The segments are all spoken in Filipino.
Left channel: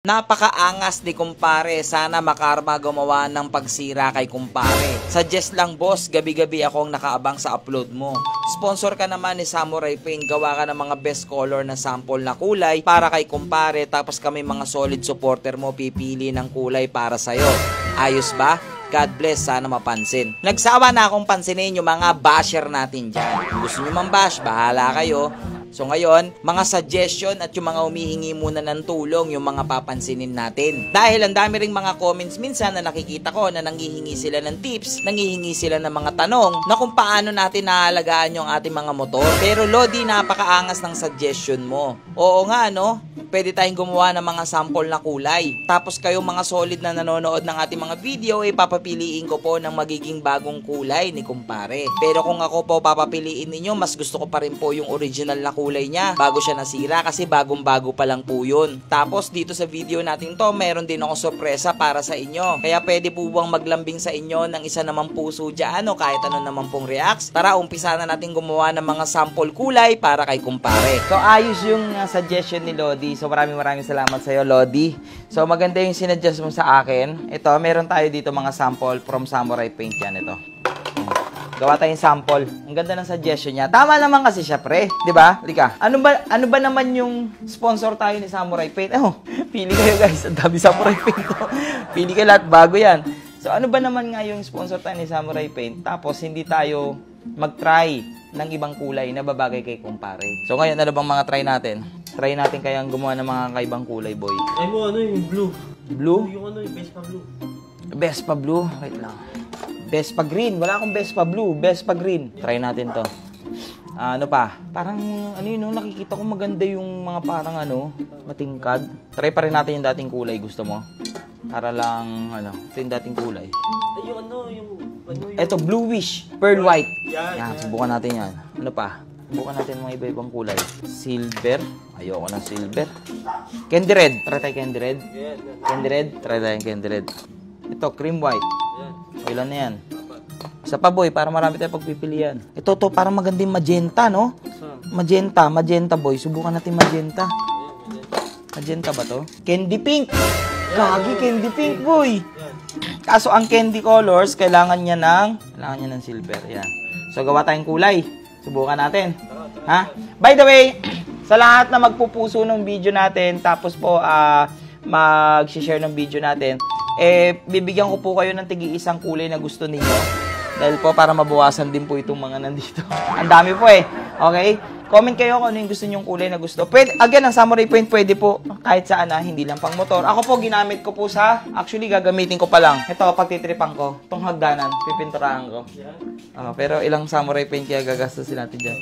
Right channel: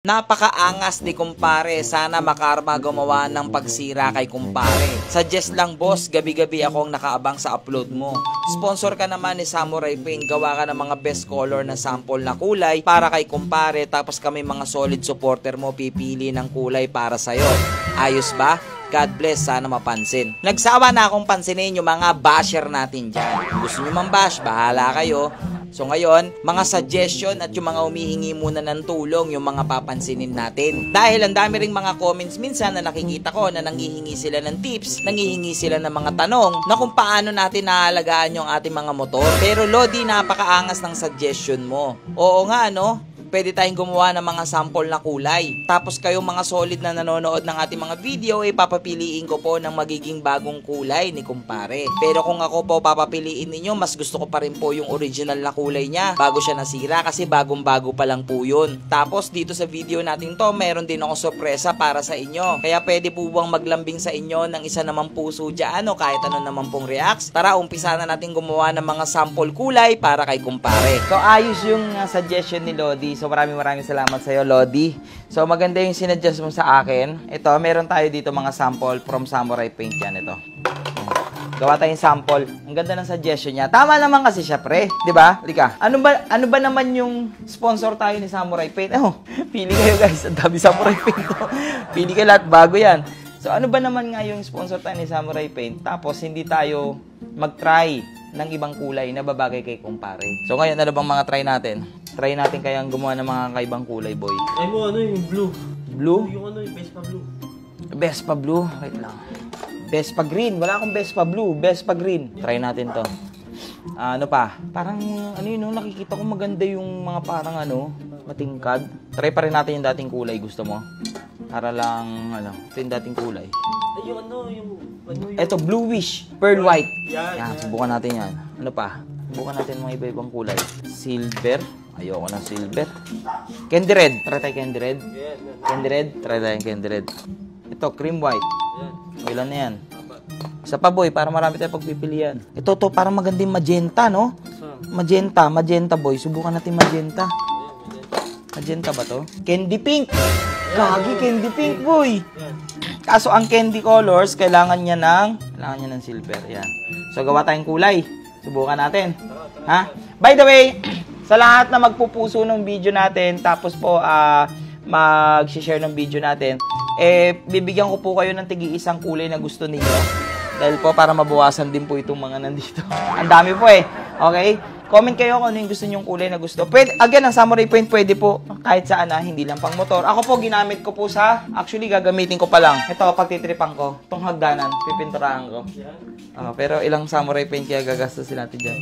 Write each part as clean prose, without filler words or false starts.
Napakaangas ni kumpare, sana makarma gumawa ng pagsira kay kumpare. Suggest lang boss, gabi-gabi akong nakaabang sa upload mo. Sponsor ka naman ni Samurai Paint, gawa ka ng mga best color na sample na kulay para kay kumpare, tapos kami mga solid supporter mo pipili ng kulay para sa'yo. Ayos ba? God bless, sana mapansin. Nagsawa na akong pansinin yung mga basher natin dyan. Kung gusto nyo mang bash, bahala kayo. So ngayon, mga suggestion at yung mga humihingi muna ng tulong yung mga papansinin natin. Dahil ang dami ring mga comments minsan na nakikita ko na nanghihingi sila ng tips, nanghihingi sila ng mga tanong na kung paano natin naalagaan yung ating mga motor. Pero Lodi, napakaangas ng suggestion mo. Oo nga no? Pwede tayong gumawa ng mga sample na kulay. Tapos kayong mga solid na nanonood ng ating mga video, papapiliin ko po ng magiging bagong kulay ni kumpare. Pero kung ako po papapiliin ninyo, mas gusto ko pa rin po yung original na kulay niya bago siya nasira kasi bagong-bago pa lang po yun. Tapos dito sa video natin to, meron din ako sorpresa para sa inyo. Kaya pwede po bang maglambing sa inyo ng isa namang puso dyan o kahit ano naman pong reacts. Tara, umpisa na natin gumawa ng mga sample kulay para kay kumpare. So ayos yung suggestion ni Lodi. So maraming salamat sa iyo, Lodi. So maganda yung sinuggest mo sa akin. Ito, meron tayo dito mga sample from Samurai Paint yan. Ito. Gawa tayong sample. Ang ganda ng suggestion niya. Tama naman kasi siya, pre. 'Di ba? Lika. Ano ba naman yung sponsor tayo ni Samurai Paint? Pili kayo guys. Ang dami Samurai Paint. Pili kayo lahat, bago yan. So ano ba naman nga yung sponsor tayo ni Samurai Paint? Tapos hindi tayo mag-try ng ibang kulay na babagay kay kumpare. So ngayon, ano bang mga try natin? Try natin kayang gumawa ng mga kaibang kulay, boy. Ay mo, ano yung blue? Blue? Yung ano, yung Vespa blue. Vespa blue? Wait lang. Vespa green. Wala akong Vespa blue. Vespa green. Try natin to. Ano pa? Parang, ano yun, no? Nakikita ko maganda yung mga parang, matingkad. Try pa rin natin yung dating kulay. Gusto mo? Para lang, ito yung dating kulay. Ay, yung Ito, bluish. Pearl white. Yan. Subukan natin yan. Ano pa? Subukan natin mga iba-ibang kulay. Silver. Ayoko ng silver. Candy red. Try tayo candy red. Candy red. Try tayo candy red. Ito, cream white. Ilan na yan? Isa pa, boy, para marami tayo pagpipilian. Ito, parang magandang magenta, no? Magenta, boy. Subukan natin magenta. Magenta ba to? Candy pink. Kagi, candy pink, boy. Kaso ang candy colors, kailangan niya ng silver. Yan. So, gawa tayong kulay. Subukan natin. Ha? By the way, sa lahat na magpupuso ng video natin, tapos po mag-share ng video natin, bibigyan ko po kayo ng tigi-isang kulay na gusto niyo. Dahil po para mabawasan din po itong mga nandito. Ang dami po Okay? Comment kayo kung ano yung gusto nyong kulay na gusto. Pwede, again, ang Samurai Paint pwede po kahit saan hindi lang pang motor. Ako po, ginamit ko po actually gagamitin ko pa lang. Ito, pagtitripan ko, itong hagdanan, pipinturahan ko. Pero ilang Samurai Paint kaya gagastusin natin dyan.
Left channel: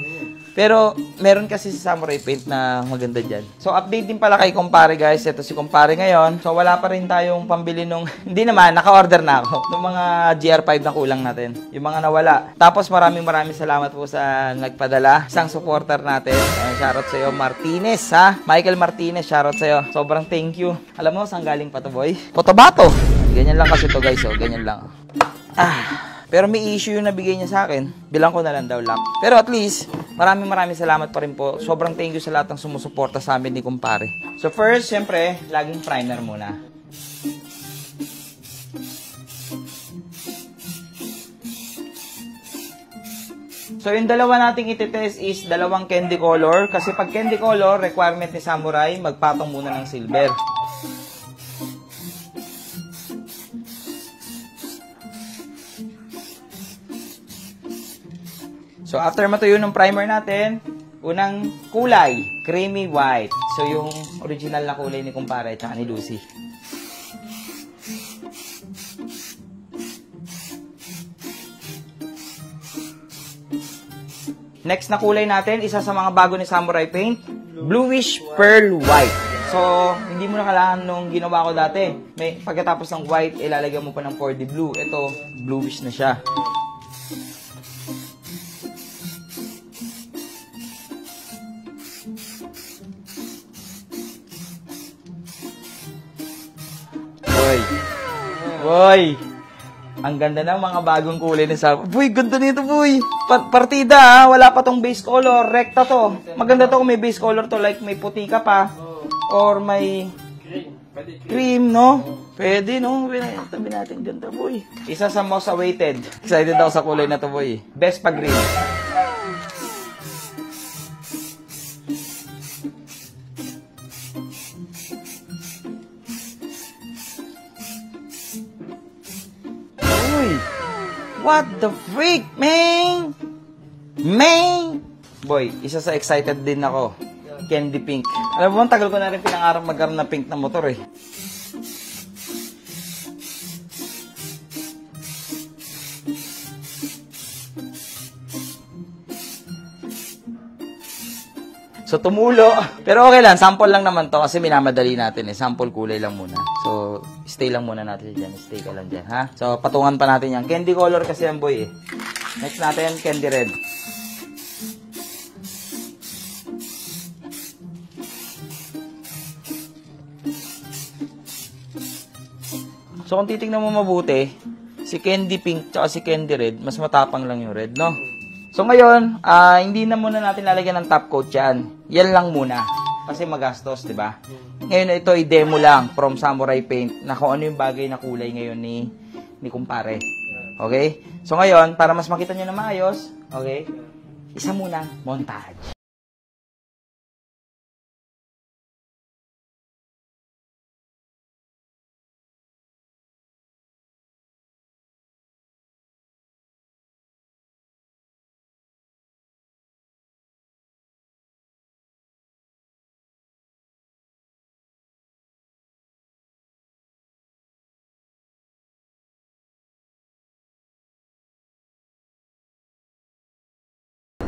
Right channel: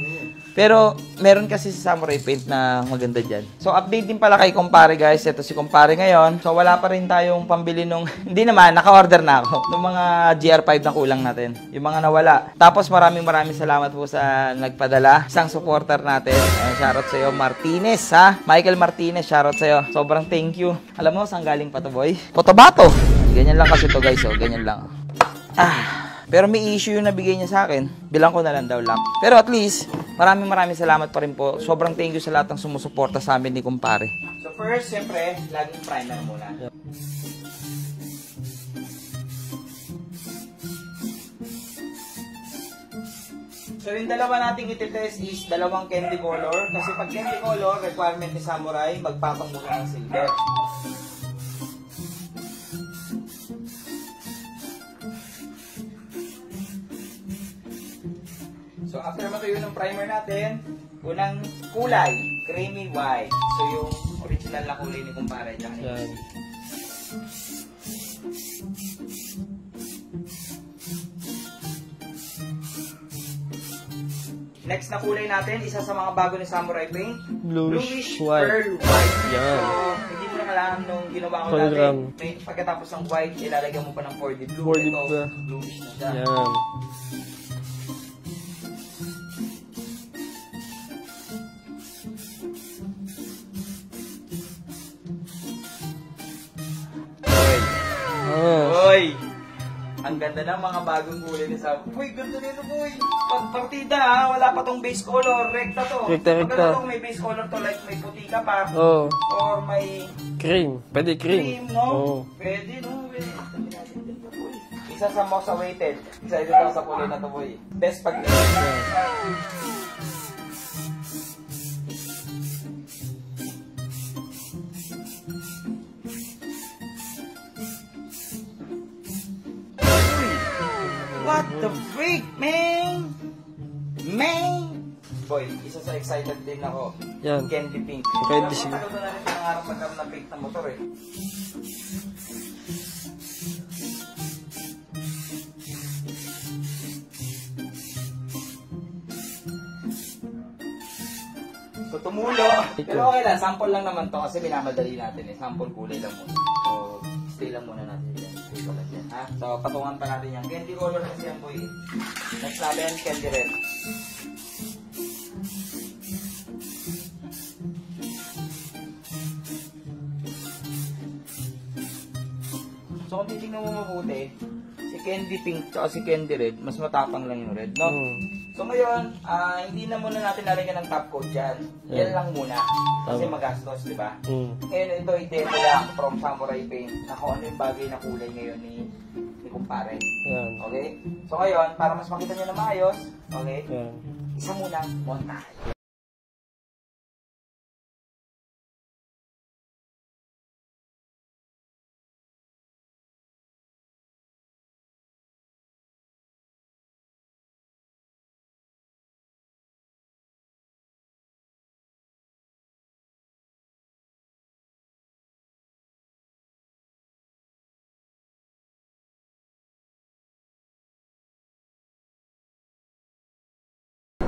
Pero, meron kasi si Samurai Paint na maganda dyan. So, update din pala kay kumpare, guys. Ito si kumpare ngayon. So, wala pa rin tayong pambili nung, hindi naman, naka-order na ako. Itong mga GR5 na kulang natin. Yung mga nawala. Tapos, maraming salamat po sa nagpadala. Isang supporter natin. Shoutout sa'yo, Martinez, ha? Michael Martinez, shoutout sa'yo. Sobrang thank you. Alam mo, saan galing pa to, boy? Cotabato. Ganyan lang kasi to, guys, ganyan lang. Pero may issue yung nabigay niya sa akin. Bilang ko na lang daw lang. Pero at least, maraming salamat pa rin po. Sobrang thank you sa lahat ng sumusuporta sa amin ni kumpare. So first, syempre, laging primer muna. So yung dalawa nating ititest is dalawang candy color. Kasi pag candy color, requirement ni Samurai, magpatong muna ng silver. So, after matuyo ng primer natin, unang kulay, creamy white. So, yung original na kulay ni kumpare at ni Lucy. Next na kulay natin, isa sa mga bago ni Samurai Paint, bluish pearl white. So, hindi mo na kailangan nung ginawa ko dati. Pagkatapos ng white, ilalagyan mo pa ng 4D blue. Ito, bluish na siya. Boy, ang ganda ng mga bagong kulay ni Sam. Boy, ganda nito, boy. Partida, wala pa tong base color. Rekta to. Maganda to kung may base color to, like may puti ka pa. Or may Cream. Pwede cream. Cream, no? Oo. Pwede, no? Tabi natin ganda, boy. Isa sa most awaited. Excited ako sa kulay na to, boy. Best pa green. Uy! What the freak, man? Man! Boy, isa sa excited din ako. Yan. Candy pink. Alam mo, tagal ko na rin pinangarap magkaroon ng pink na motor eh. So, tumulo. Pero okay lang, sample lang naman to kasi minamadali natin eh. Sample kulay lang muna. So, stay lang muna natin dyan. Stay ka lang dyan, ha? So, patungan pa natin yan. Candy color kasi yan, boy eh. Next natin, candy red. So, kung titignan mo mabuti, si candy pink tsaka si candy red, mas matapang lang yung red, no? So, ngayon, hindi na muna natin lalagyan ng top coat yan. Yan lang muna. Kasi magastos, di ba? Ngayon, ito i-demo lang from Samurai Paint na kung ano yung bagay na kulay ngayon ni kumpare. Yan. Okay? So, ngayon, para mas makita nyo na maayos, okay? Yan. Isa muna, montage.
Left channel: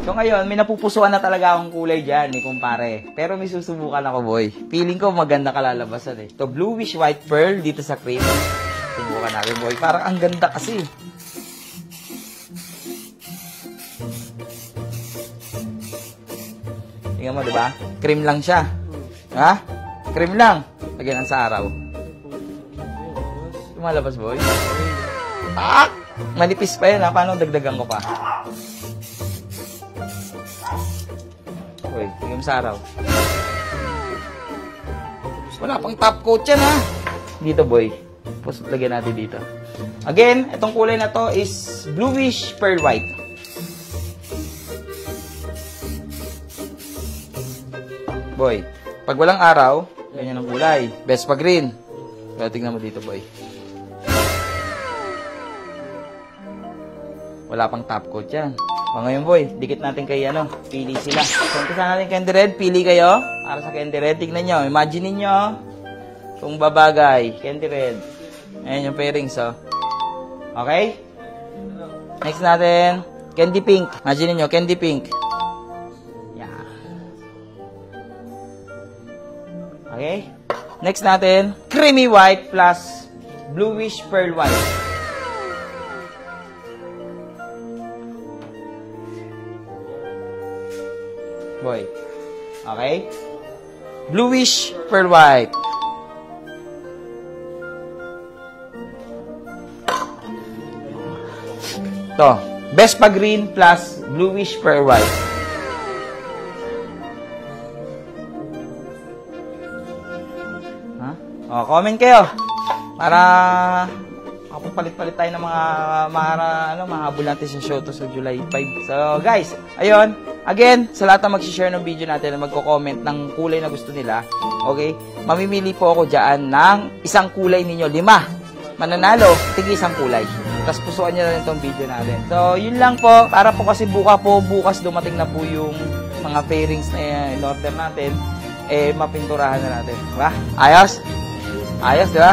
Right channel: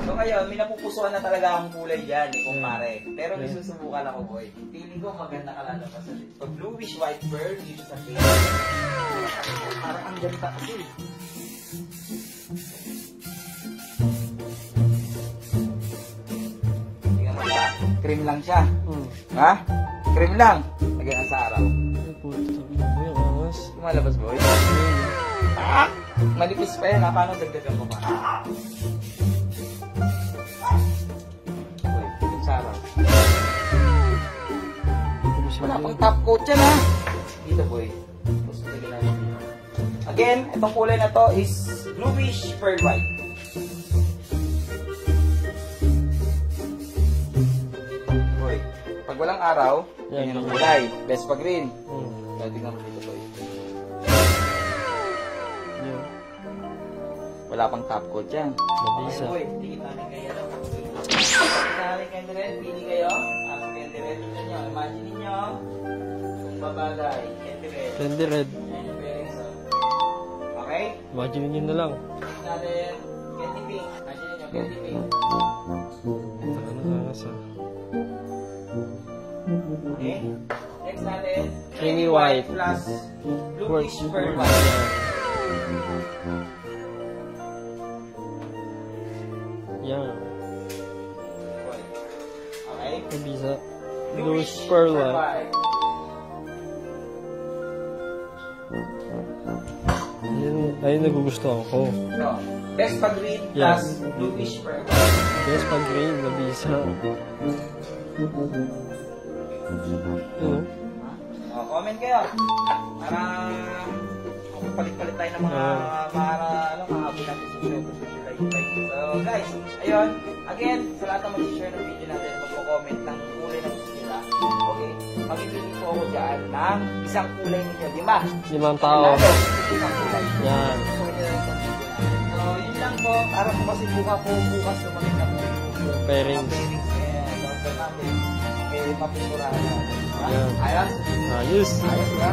So ngayon, may napupusuan na talaga akong kulay dyan, ni kumpare. Pero may susubukan ako, boy. Feeling ko maganda kalalabasan eh. To bluish white pearl dito sa cream. Subukan natin, boy. Parang ang ganda kasi. Tingnan mo, diba? Cream lang siya. Ha? Cream lang. Lagyan lang sa araw. Lumalabas, boy. Ah! Manipis pa yan, ha? Paano dagdagan ko pa? Uy, tingnan sa araw. Wala pang top coat yan, ha? Dito, boy. Tapos lagyan natin dito. Again, itong kulay na to is bluish pearl white. Boy, pag walang araw, yan yung kulay. Best pa green. Kaya tingnan mo dito, boy. Wala pang top coat yan. O ngayon, boy, dikit natin kay ano, pili sila. Umpisa natin candy red, pili kayo. Para sa candy red, tignan nyo. Imagine ninyo, kung babagay, candy red. Candy red. Ayan yung pairings, oh. Okay? Imagine nyo na lang. Next natin, candy pink. Imagine ninyo, candy pink. Yan. Okay? Next natin, creamy white plus bluish pearl white. Yan. Boy. Okay? Isa. Bluish Pearl pearl white. Ayun nagugustuhan ko. Ito. Best pa green plus bluish pearl white. Yes, pang green. Nag-isa. Ha? O, comment kayo. Para palit-palit tayo ng mga abulante sa show to sa July 5. So, guys, ayun. Again, sa lahat ng mag-share ng video natin na magko-comment ng kulay na gusto nila, okay? Mamimili po ako dyan ng isang kulay ninyo. 5. Mananalo, tigil isang kulay. Tapos pusuan nyo na rin itong video natin. So, yun lang po. Para po kasi bukas dumating na po yung mga pairings na in-order natin. Mapinturahan na natin. Diba? Ayos? Ayos. Ayos, diba?